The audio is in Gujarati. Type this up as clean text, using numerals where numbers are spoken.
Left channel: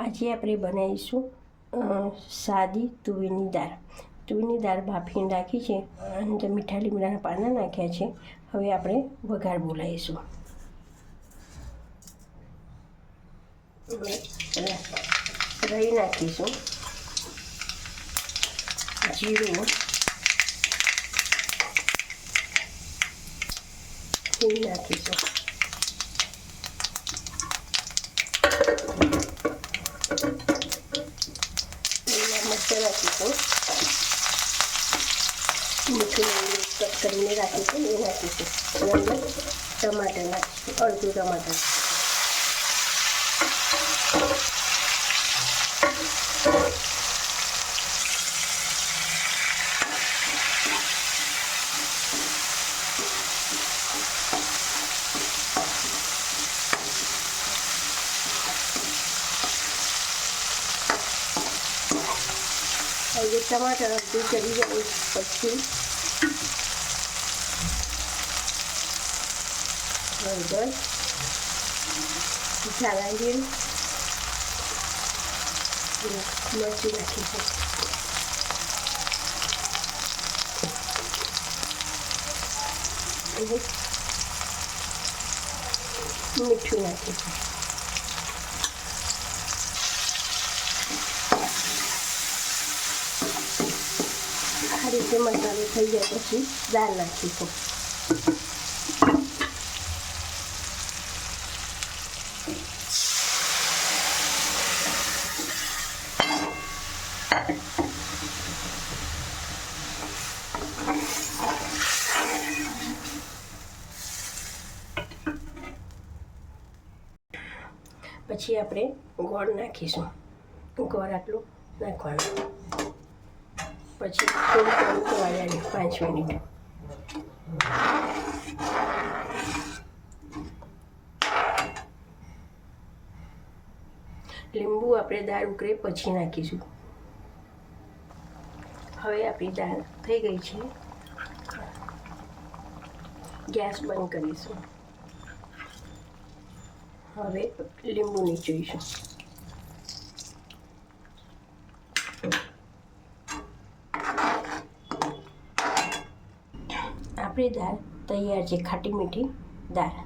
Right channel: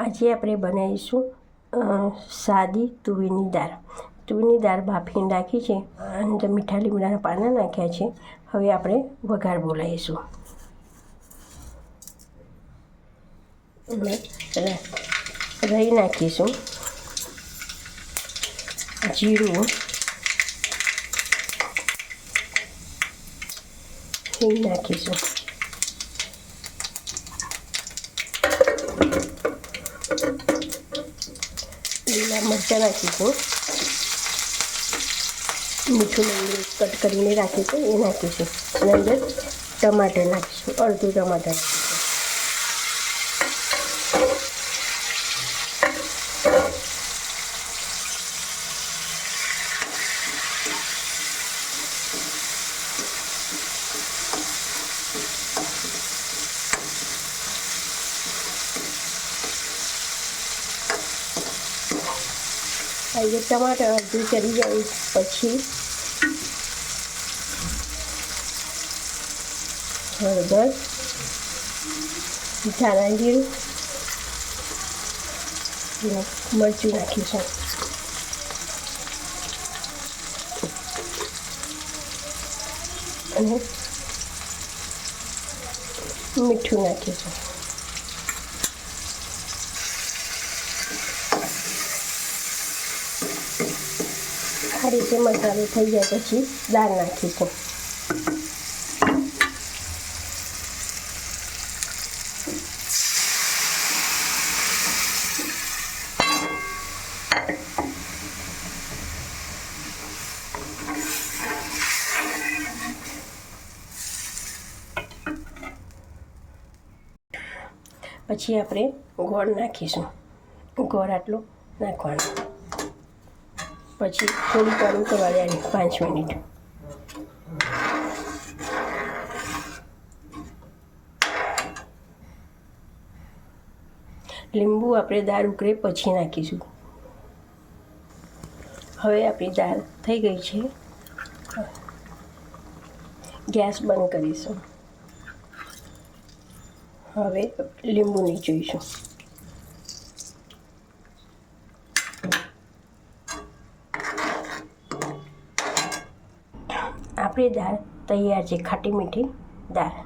આજે આપણે બનાવીશું સાદી તુવેરની દાળ. તુવેરની દાળ બાફીને રાખી છે અને મીઠા લીમડાના પાના નાખ્યા છે. હવે આપણે વઘાર બોલાવીશું. રાઈ નાખીશું, જીરું, હિંગ નાખીશું, લીલા મરચાં નાખીશું, મીઠું લીમડું કટ કરીને રાખીશું એ નાખીશું અને અંદર ટમાટર નાખીશું, અડધું ટમાટર નાખીશું. હવે ટમાટર અડધું ચડી જાય પછી હળદર, ધાણા જીરું, મરચું નાખીશું અને મીઠું નાખીશું. આ રીતે મસાલો થઈ જાય પછી દાળ નાખીશું. પછી આપણે ગોળ નાખીશું. ગોળ આટલો નાખવાનો. પછી થોડું પાણી કરવા દેવાનું 5 મિનિટ. લીંબુ આપણે દાળ ઉકળે પછી નાખીશું. હવે આપણી દાળ થઈ ગઈ છે. ગેસ બંધ કરીશું. હવે લીંબુ નીચોઈશું. આપણી દાળ તૈયાર છે, ખાટી મીઠી દાળ.